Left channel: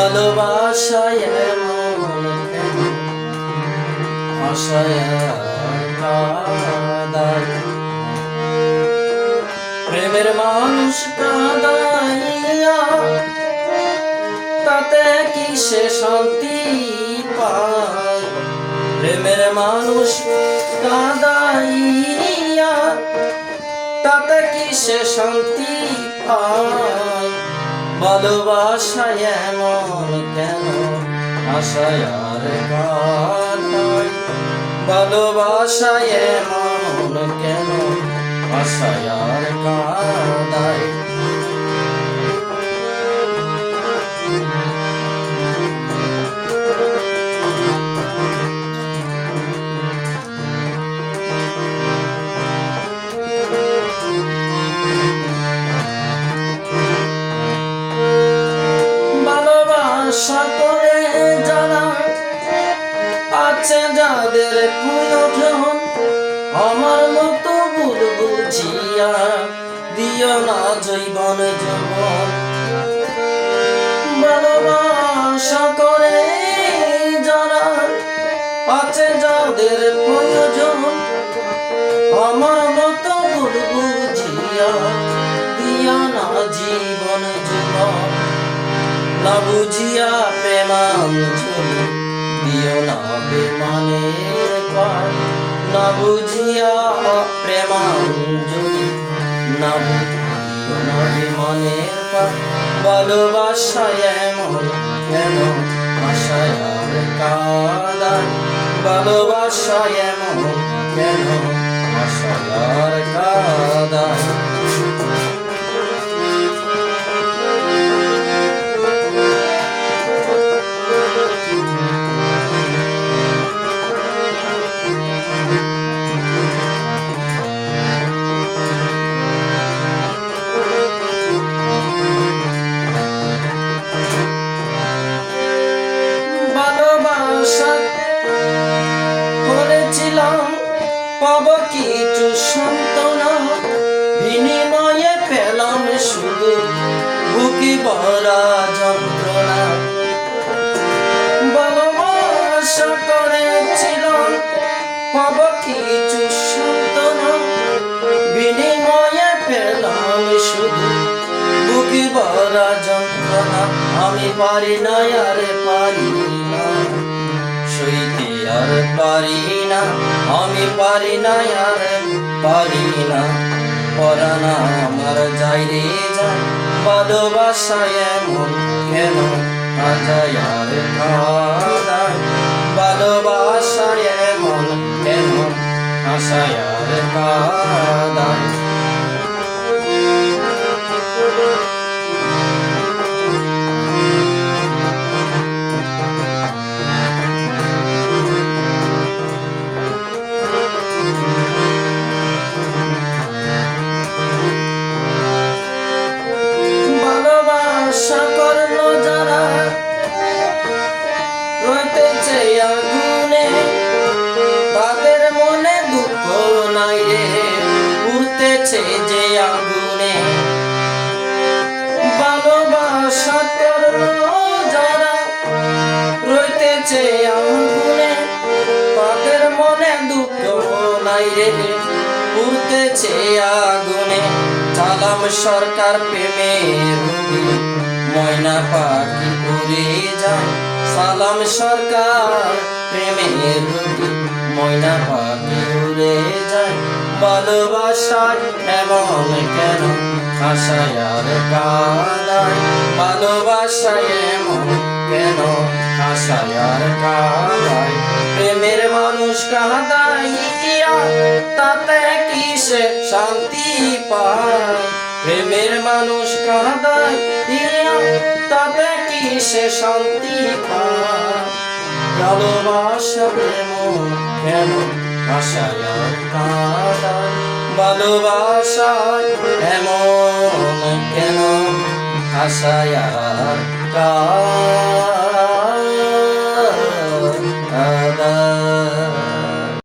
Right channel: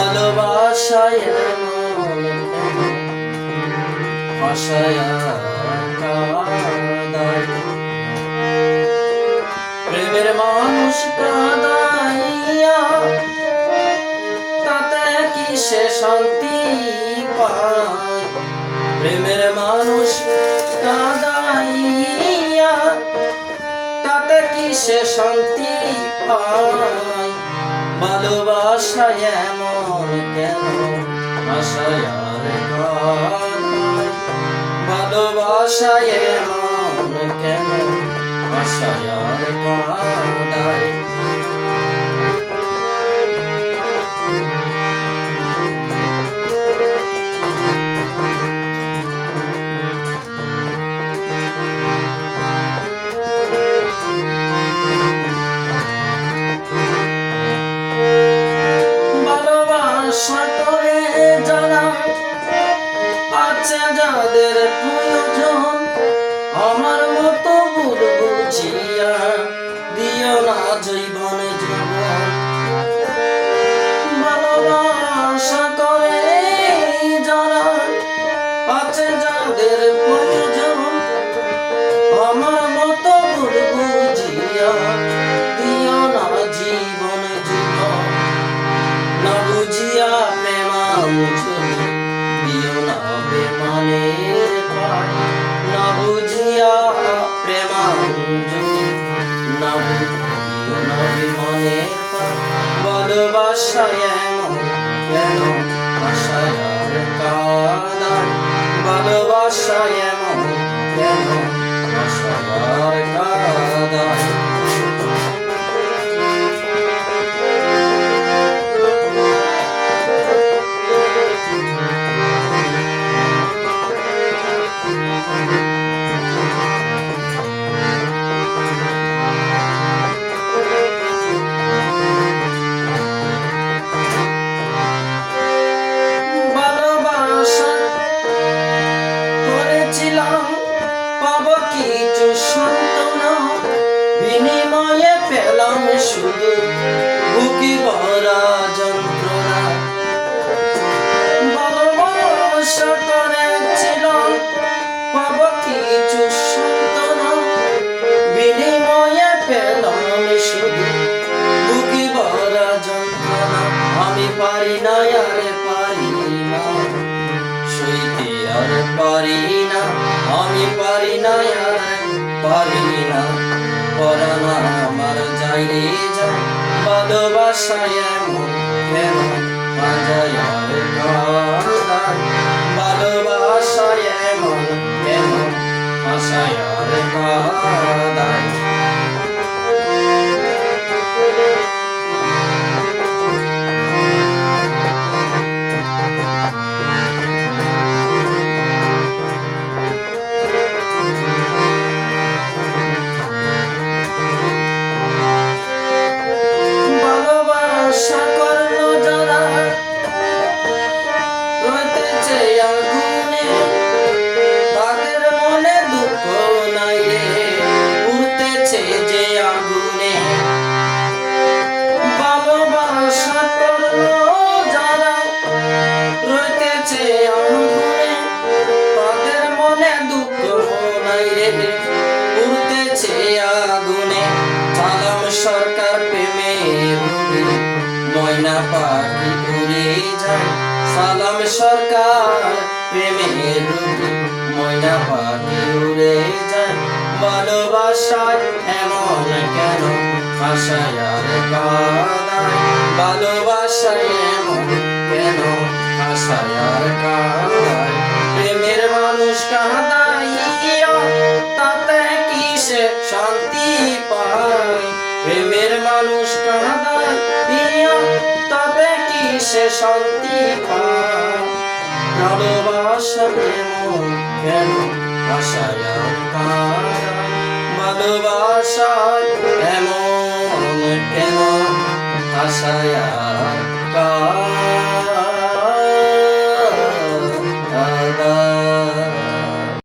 ভালোবাসায় এমন কেন আশায় কাঁদায়, প্রেমের মানুষ কাঁদাইয়া তাতে কি সে শান্তি পায়? প্রেমের মানুষ কাঁদাইয়া তাতে কি সে শান্তি পায়? ভালোবাসায় এমন কেন আশায় আর কাঁদায়, ভালোবাসায় এমন কেন আশায় আর কাঁদায়। ভালোবাসা করে যারা আছে যাদের প্রয়োজন, আমার মতো ভুল বুঝিয়া দিও না জীবন জীবন। ভালোবাসা করে যারা আছে যাদের প্রয়োজন, আমার মতো ভুল বুঝিয়া দিও না জীবন জীবন। না বুঝিয়া প্রেমাঞ্জলি দিও না বেমানের পায়, না বুঝিয়া প্রেমাঞ্জলি না দিও না বেমানের পায়। ভালোবাসায় এমন কেন আশায় আর কাঁদায়, ভালোবাসায় এমন কেন আশায় আর কাঁদায়। করেছিলাম পাব কিছু সান্ত্বনা, বিনিময়ে পেলাম শুধু বুকে ভরা যন্ত্রণা। ভালোবাসা করেছিলাম পাব কিছু সান্ত্বনা, বিনিময়ে পেলাম শুধু বুকে ভরা যন্ত্রণা। আমি পারি না আর পারি না সইতে আর পারি না, আমি পারি না আর পারি না, পরাণ আমার যাই রে যায়। ভালোবাসায় এমন কেন আজায় আর কাঁদায়, ভালোবাসায় এমন কেন আশায় আর কাঁদায়। ভালোবাসা করলো যারা রইতেছে আগুনে, তাদের মনে দুঃখ নাই রে উঠতেছে যে আগুনে। ভালোবাসা করলো যারা রইতেছে আগুনে, তাদের মনে দুঃখ নাই রে উঠতেছে আগুনে। সালাম সরকার প্রেমের রূপে ময়না পাখি উড়ে যায়, সালাম সরকার প্রেমের রূপে ময়না পাখি উড়ে যায়। ভালোবাসায় এমন কেন আশায় আর কাঁদায়, ভালোবাসায় এমন কেন আশায় আর কাঁদায়। প্রেমের মানুষ কাঁদাইয়া তাতে কি সে শান্তি পায়? প্রেমের মানুষ কাঁদাইয়া তাতে কি সে শান্তি পায়? ভালোবাসা এমন কেন আশায় আর কাঁদায়, ভালোবাসায় এমন কেন আশায় আর কাঁদায়।